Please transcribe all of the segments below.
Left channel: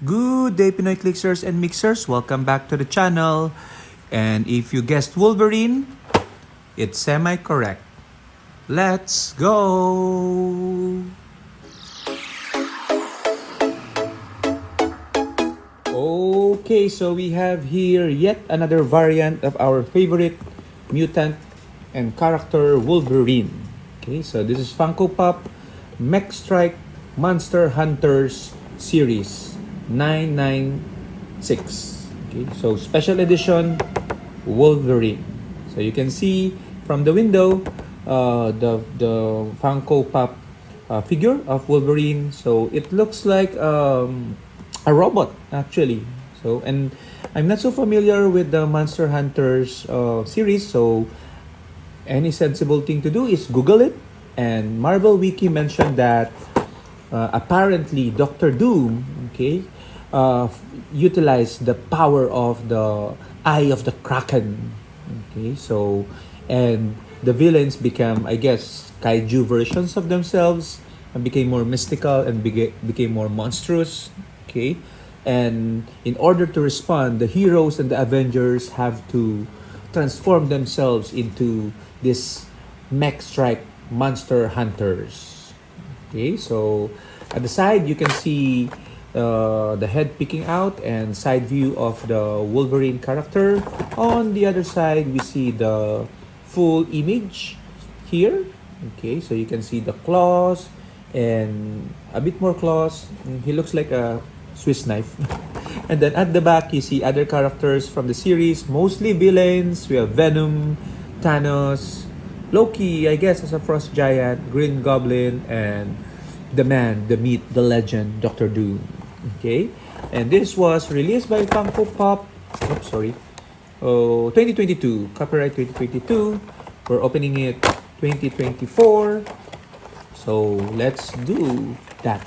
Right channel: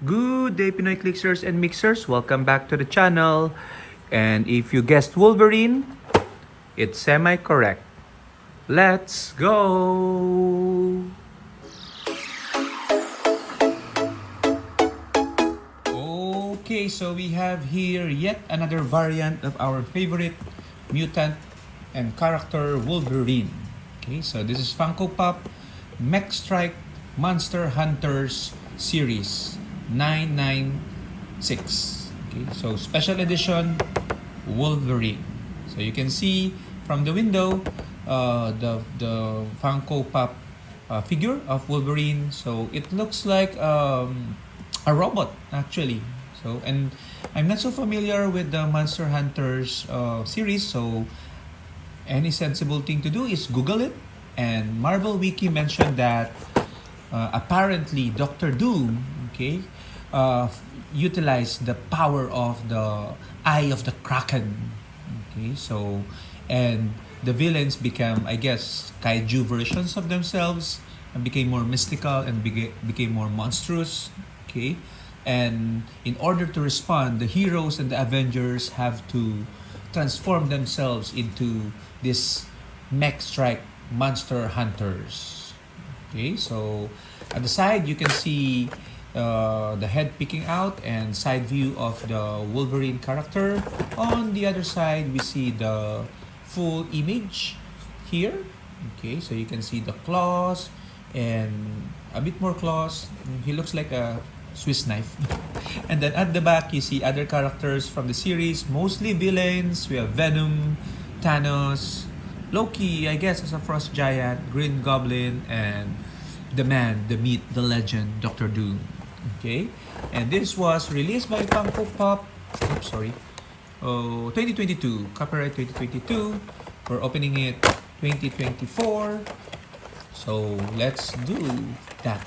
Good day, Pinoy Clixers and Mixers. Welcome back to the channel. And if you guessed Wolverine, it's semi-correct. Let's go! Okay, so we have here yet another variant of our favorite mutant and character Wolverine. Okay, so this is Funko Pop Mech Strike Monster Hunters series 996. Okay, so special edition Wolverine. So you can see from the window the Funko Pop figure of Wolverine. So it looks like a robot actually. So, and I'm not so familiar with the Monster Hunters series, so any sensible thing to do is Google it. And Marvel Wiki mentioned that apparently Doctor Doom, okay, utilized the power of the Eye of the Kraken. Okay, so, and the villains became, I guess, kaiju versions of themselves and became more mystical and became more monstrous. Okay, and in order to respond, the heroes and the Avengers have to transform themselves into this mech strike monster hunters. Okay, so at the side you can see the head peeking out and side view of the Wolverine character. On the other side, we see the full image here. Okay, so you can see the claws and a bit more claws. He looks like a Swiss knife. And then at the back, you see other characters from the series, mostly villains. We have Venom, Thanos, Loki, I guess, as a frost giant, Green Goblin, and the man, the myth, the legend, Doctor Doom. Okay, and this was released by Funko Pop. 2022, copyright 2022. We're opening it 2024. So let's do that.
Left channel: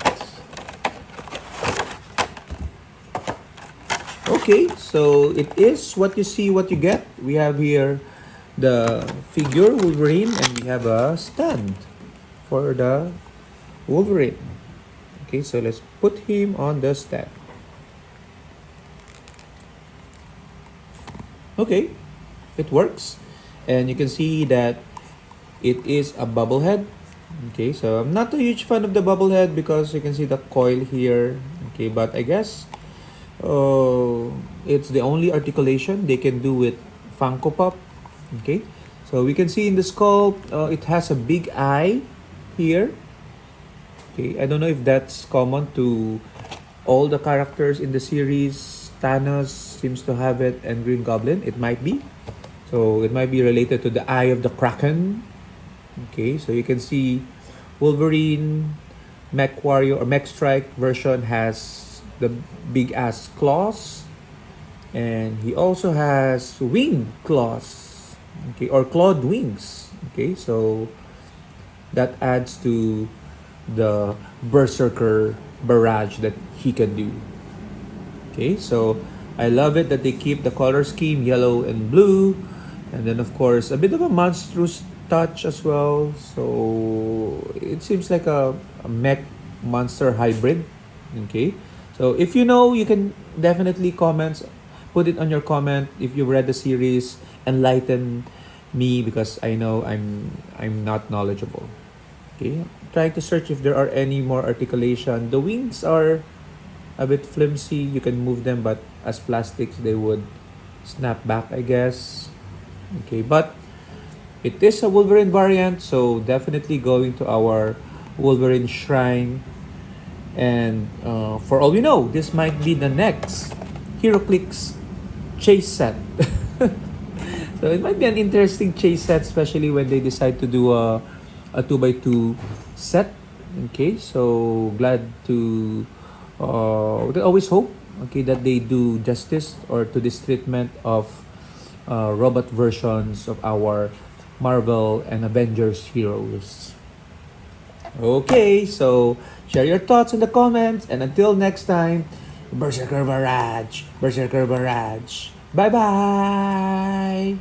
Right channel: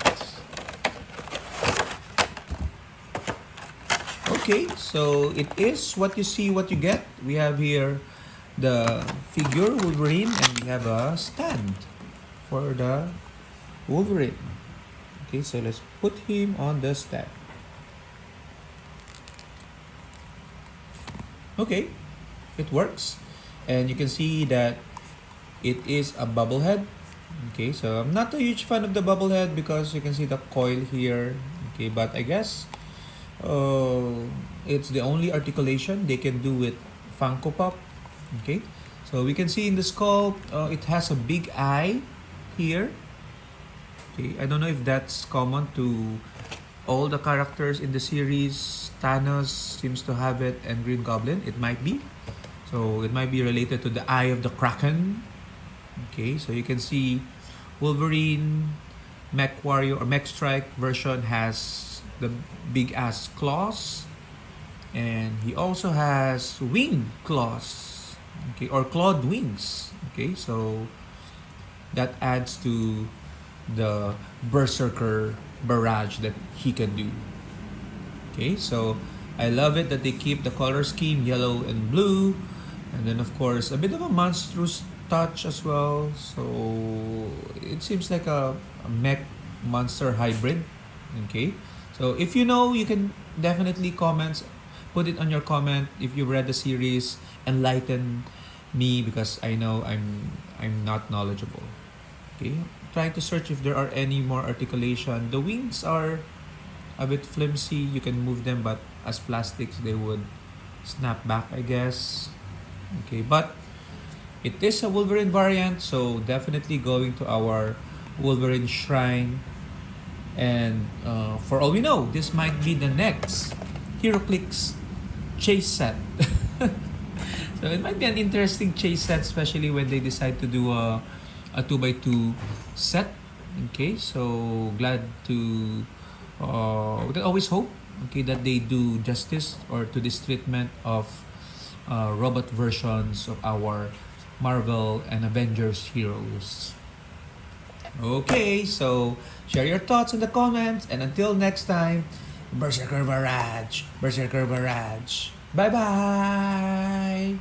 Okay, so it is what you see, what you get. We have here the figure Wolverine, and we have a stand for the Wolverine. Okay, so let's put him on the stand. Okay, it works, and you can see that it is a bubble head. Okay, so I'm not a huge fan of the bubble head because you can see the coil here. Okay, but I guess it's the only articulation they can do with Funko Pop. Okay, so we can see in the sculpt it has a big eye here. Okay, I don't know if that's common to all the characters in the series. Thanos seems to have it, and Green Goblin, it might be. So it might be related to the Eye of the Kraken. Okay, so you can see Wolverine Mech Warrior or Mech Strike version has the big ass claws, and he also has wing claws, okay, or clawed wings. Okay, so that adds to the berserker barrage that he can do. Okay, so I love it that they keep the color scheme yellow and blue, and then of course a bit of a monstrous touch as well. So it seems like a mech monster hybrid. Okay, so if you know, you can definitely put it on your comment if you've read the series. Enlighten me because I know I'm not knowledgeable. Okay, trying to search if there are any more articulation. The wings are a bit flimsy. You can move them, but as plastics they would snap back, I guess. Okay, but it is a Wolverine variant, so definitely going to our Wolverine shrine. And for all we know, this might be the next Heroclix chase set. So it might be an interesting chase set, especially when they decide to do a 2x2 set. Okay, so glad to always hope, okay, that they do justice or to this treatment of robot versions of our Marvel and Avengers heroes. Okay, so share your thoughts in the comments, and until next time, Berserker Barrage, Berserker Barrage. Bye bye.